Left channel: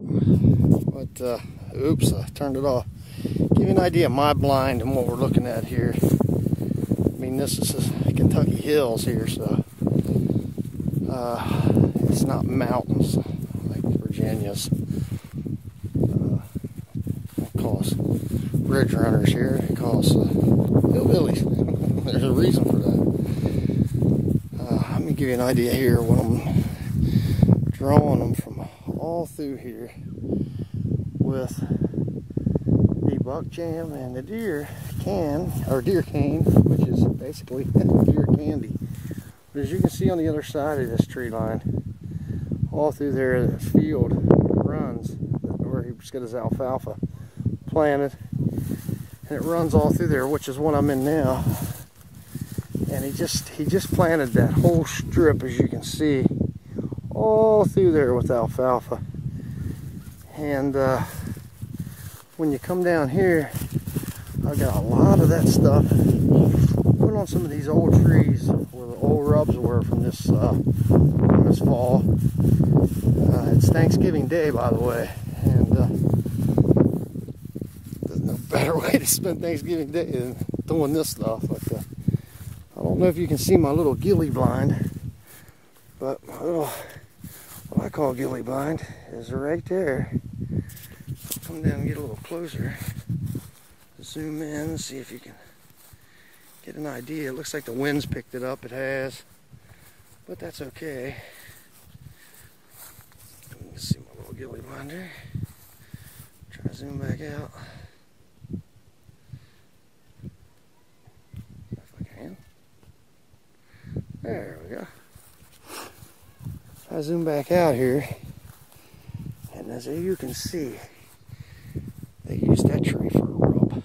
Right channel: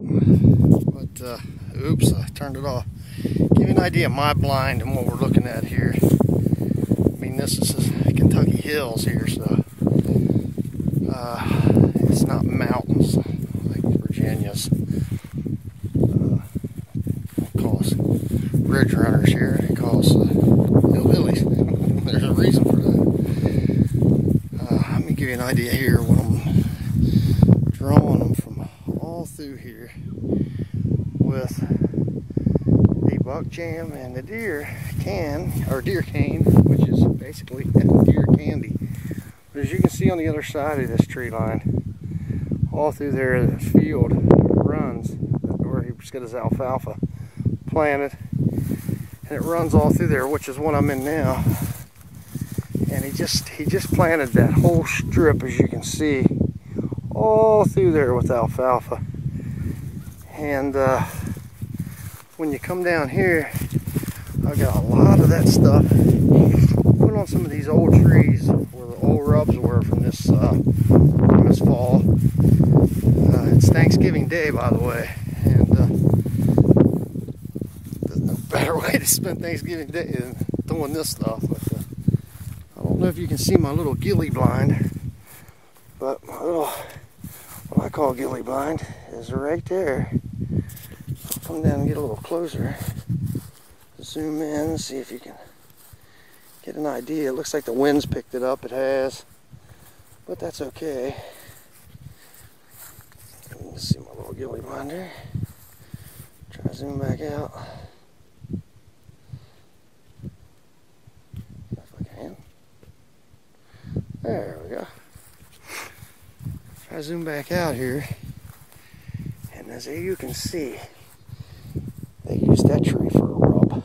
But oops, I turned it off. Give you an idea of my blind and what we're looking at here. I mean, this is Kentucky Hills here, so it's not mountains like Virginia's. They call us bridge runners here. They call us hillbillies. There's a reason for that. Let me give you an idea here when I'm drawing them from all through here with the buck jam and the deer cane, which is basically deer candy. But as you can see on the other side of this tree line, all through there, this field runs where he's got his alfalfa planted, and it runs all through there, which is what I'm in now. And he just planted that whole strip, as you can see, all through there with alfalfa. And when you come down here, I got a lot of that stuff put on some of these old trees where the old rubs were from this fall. It's Thanksgiving Day, by the way, and there's no better way to spend Thanksgiving Day than doing this stuff. But I don't know if you can see my little ghillie blind, but my little, what I call ghillie blind, is right there. I'll come down and get a little closer, zoom in and see if you can get an idea. It looks like the wind's picked it up. It has, but that's okay. Let's see my little ghillie blind there. Try to zoom back out. If I can. There we go. Try to zoom back out here. And as you can see, they used that tree for a rub.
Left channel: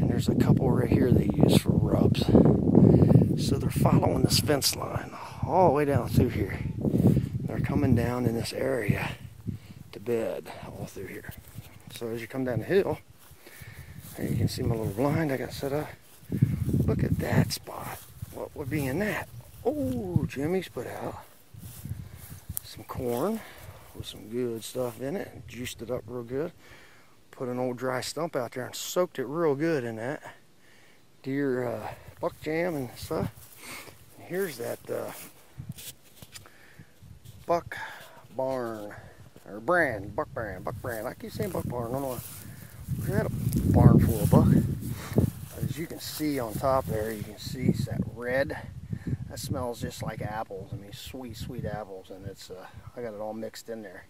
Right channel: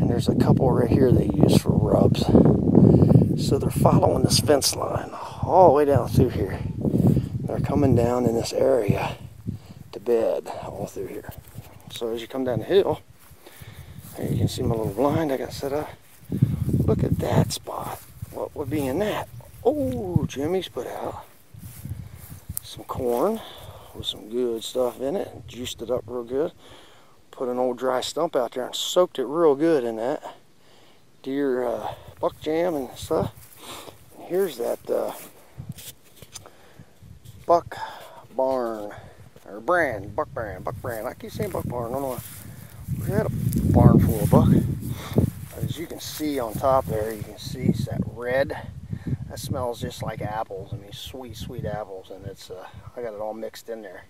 And there's a couple right here they use for rubs. So they're following this fence line all the way down through here. They're coming down in this area to bed all through here. So as you come down the hill, there you can see my little blind I got set up. Look at that spot. What would be in that? Oh, Jimmy's put out some corn with some good stuff in it. Juiced it up real good. Put an old dry stump out there and soaked it real good in that deer buck jam and stuff. And here's that buck barn, or brand, buck brand. I keep saying buck barn, I don't know why. We had a barn full of buck. But as you can see on top there, you can see it's that red. That smells just like apples. I mean, sweet, sweet apples. And it's, I got it all mixed in there.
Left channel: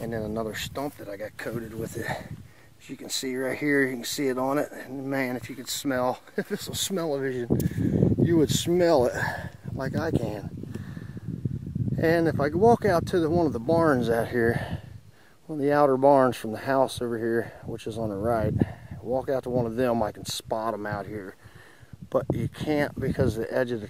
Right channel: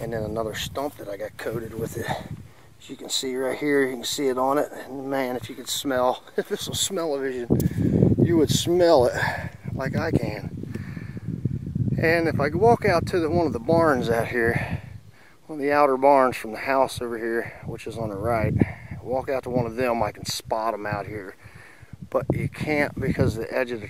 And then another stump that I got coated with it. As you can see right here, you can see it on it. And man, if you could smell, if this was smell-o-vision, you would smell it like I can. And if I walk out to one of the barns out here, one of the outer barns from the house over here, which is on the right, walk out to one of them, I can spot them out here. But you can't because the edge of the